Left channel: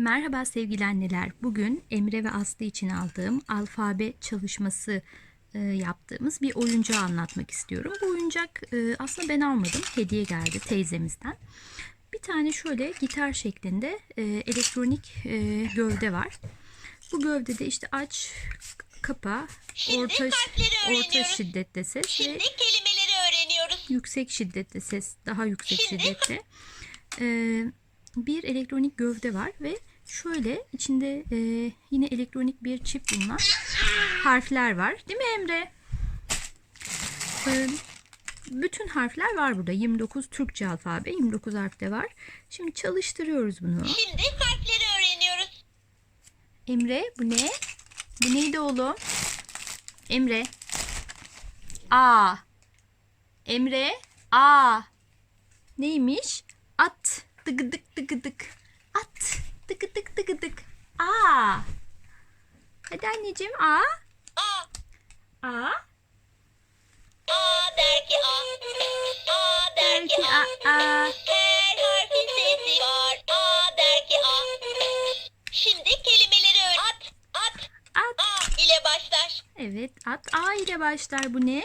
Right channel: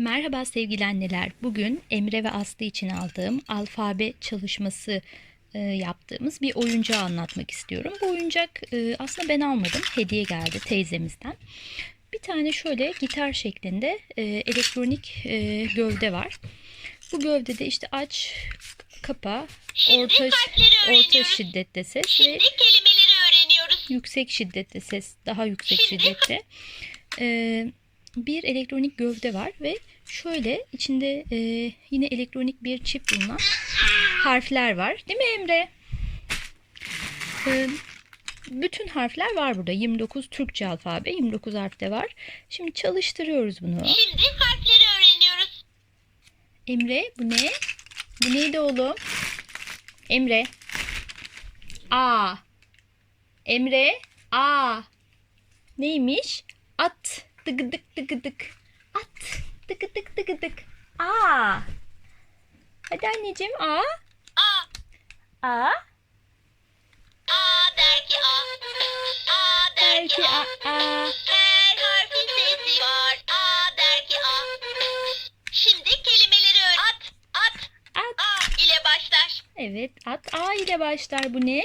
Merhaba sevgili anneler. Bugün Emre ve Aslı için aldığım alfabe çalışması e, yaptığımız bir oyuncağı anlatmak istiyorum. Bu oyuncak e, aslında ben almadım. Hediye geldi teyzemizden. Bir tane şöyle gitar şeklinde e, elektronik e, gövde var. Bu gövdede işte aç, kapa, orta, orta şiddette ses ve Şimdi kelimeleri öğreniyoruz. yüksek şiddette ses, daha yüksek Şimdi- şiddette. Ee, bir elektronik gövde var ve şöyle içinde e, yine elektronik bir çip bulunan harfler var. Değil mi Emre? Ee, bütün harfler var burada. 29 Türkçe alfabe, 29 harf de var. Şimdi çalıştırıyoruz bunu. Şimdi harfleri öğreniyoruz. Emre bu ne? Bu neydi oğlum? Emre. A. Emre. A. Neymiş? At. Dıgıdık dıgıdık. At. Dıgıdık dıgıdık. A. Hadi anneciğim A. A. A. A der ki A. A der ki A. A. Her harfin sesi var. A der ki A. Şimdi kelimeleri öğren. At. At. At. A ile başlar. Evet at. A ile başlar. Bu ne?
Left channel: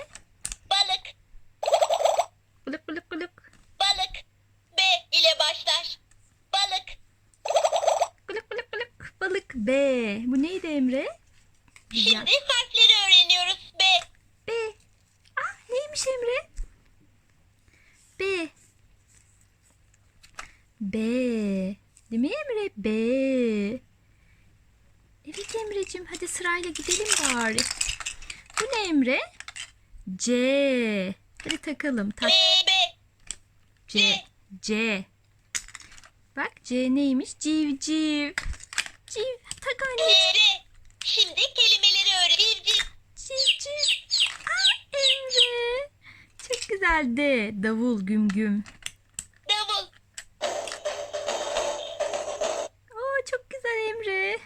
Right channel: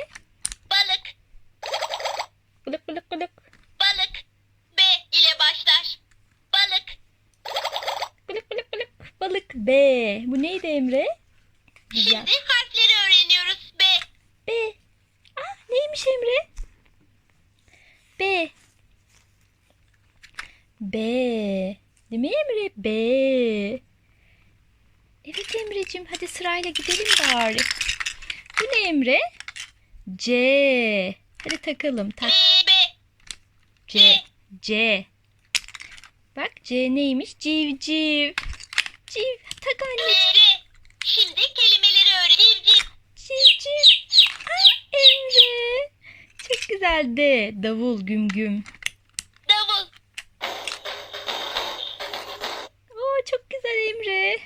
Balık. Bılık bılık bılık. Balık. B ile başlar. Balık. B. Bu neydi Emre? Güzel. Şimdi harfleri öğreniyoruz. B. B. Ah neymiş Emre? B. B. Değil mi Emre? B. Evet Emre'cim hadi sırayla gidelim bari. Bu ne Emre? C. Hadi takalım. Tak B. C. C. Bak C neymiş? Civciv. Civ. Tak anne. R. Şimdi kelimeleri öğren. Civciv. Civciv. Ah Emre. Çok güzel de. Davul güm güm. Davul. Oo çok güzel Emre.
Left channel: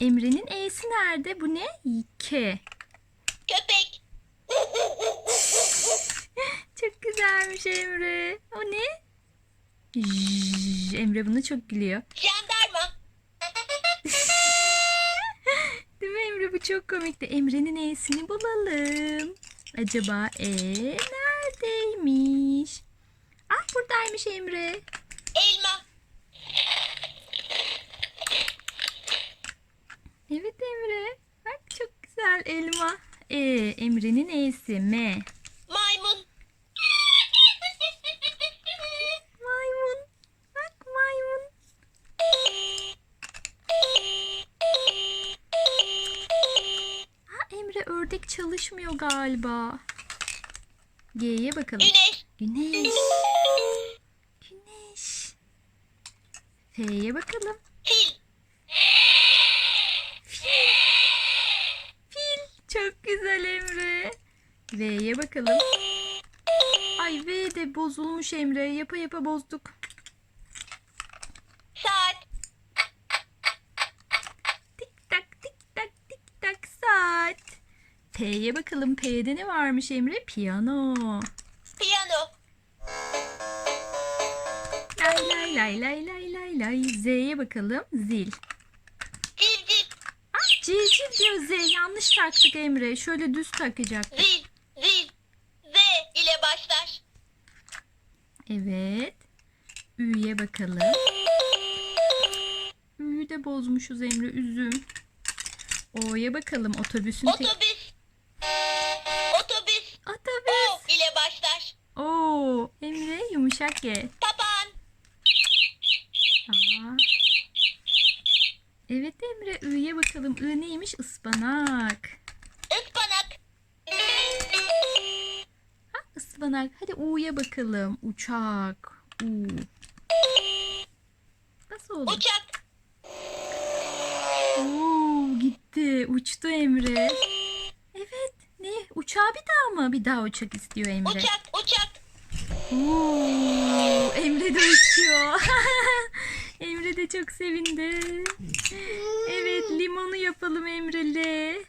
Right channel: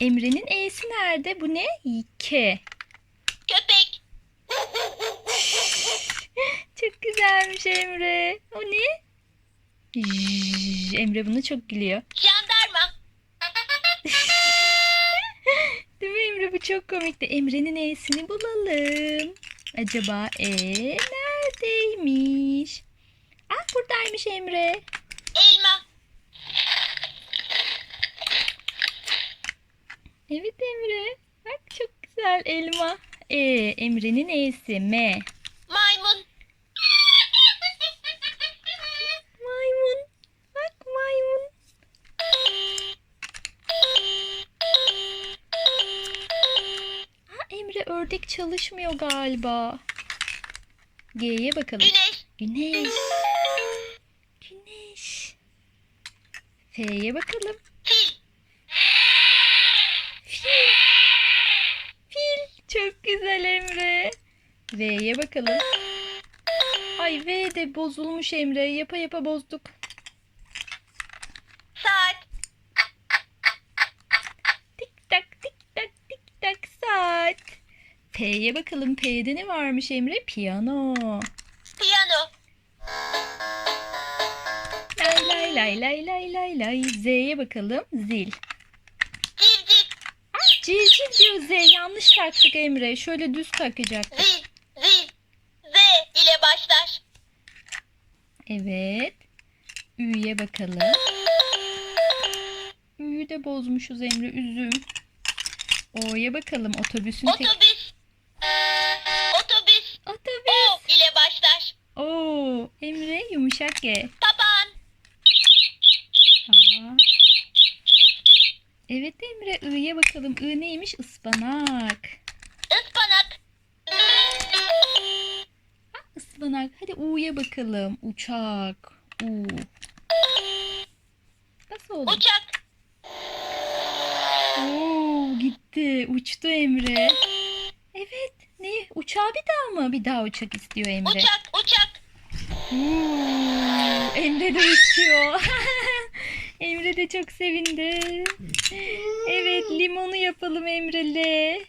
Emre'nin E'si nerede? Bu ne? K. Köpek. Çok güzelmiş Emre. O ne? J- Emre bunu çok gülüyor. Jandarma. Çok komikti. Emre'nin E'sini bulalım. Acaba E neredeymiş? Ah buradaymış Emre. Elma. Evet Emre. Bak çok güzel elma. E, Emre'nin E'si M. ördek çalışmıyor galiba. G'ye bakalım. Güneş. Güneş. Güneş. F'ye bakalım. Fil. Fil. Çok güzel Emre. V'ye bakalım. Ay V de bozulmuş Emre. Yapa yapa bozduk. P'ye bakalım. P'de ne varmış Emre? Piyano. Piyano. Lay lay lay lay lay lay lay. Z'ye bakalım. Zil. Civciv. Ah civciv diyor Z. Yanlış taktık Emre. Şöyle düz takacaktık. Zil. Zil. Z ile başlar. Evet. Ü'ye bakalım. Ü'yü de bozmuşuz Emre. Üzüm. O'ya bakalım. Otobüsün tek... Otobüs. Otobüs. O ile başlar. Oo, Emre yumuşak G. Papağan. Aa. Evet Emre I'ye bakalım. I neymiş? Ispanak. Ispanak. Ha, ıspanak. Hadi U'ya bakalım. Uçak. U. Nasıl oldu? Uçak. Oo, gitti. Uçtu Emre. Ne? Uçağı bir daha mı? Bir daha uçak istiyor Emre. Uçak. Uçak. Oo, Emre de uçuyor. Emre de çok sevindi. Evet limonu yapalım Emre'le.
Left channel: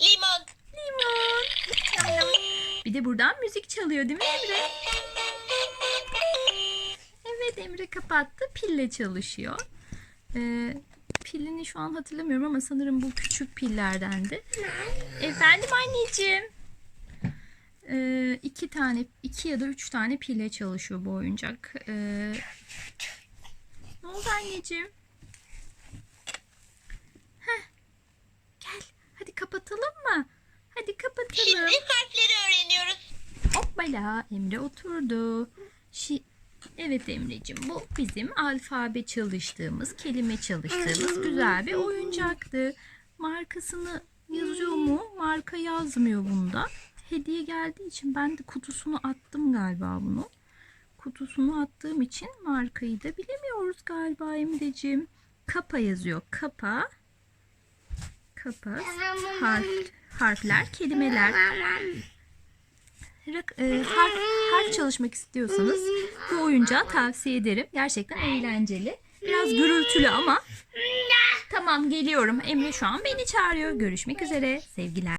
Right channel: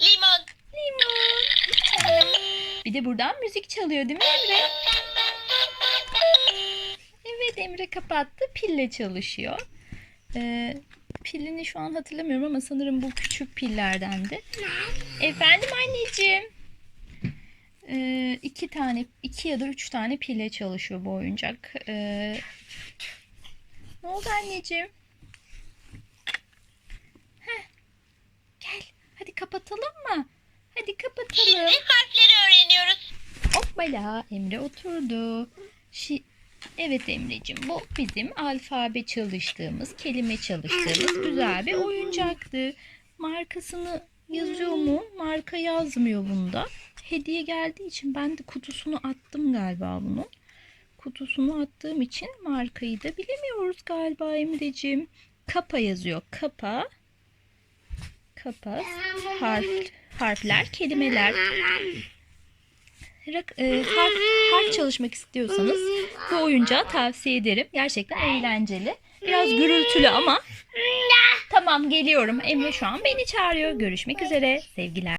Limon. Limon. Bir de buradan müzik çalıyor değil mi Emre? Evet Emre kapattı. Pille çalışıyor. Ee, pilini şu an hatırlamıyorum ama sanırım bu küçük pillerdendi. Efendim anneciğim. Ee, iki tane, iki ya da üç tane pille çalışıyor bu oyuncak. Ee, ne oldu anneciğim? Heh, gel, hadi kapatalım mı? Hadi kapatalım. Şimdi harfleri öğreniyoruz. Hoppala Emre oturdu. Şi evet Emre'cim bu bizim alfabe çalıştığımız, kelime çalıştığımız güzel bir oyuncaktı. Markasını yazıyor mu? Marka yazmıyor bunda. Hediye geldiği için ben de kutusunu attım galiba bunun. Kutusunu attığım için markayı da bilemiyoruz galiba Emre'cim. Kapa yazıyor. Kapa. Kapa. Harf, harfler, kelimeler. Rak- e, harf, harf çalışmak istiyorsanız bu oyuncağı tavsiye ederim. Gerçekten eğlenceli. Biraz gürültülü ama. Tamam geliyorum. Emre şu an beni çağırıyor. Görüşmek üzere. Sevgiler.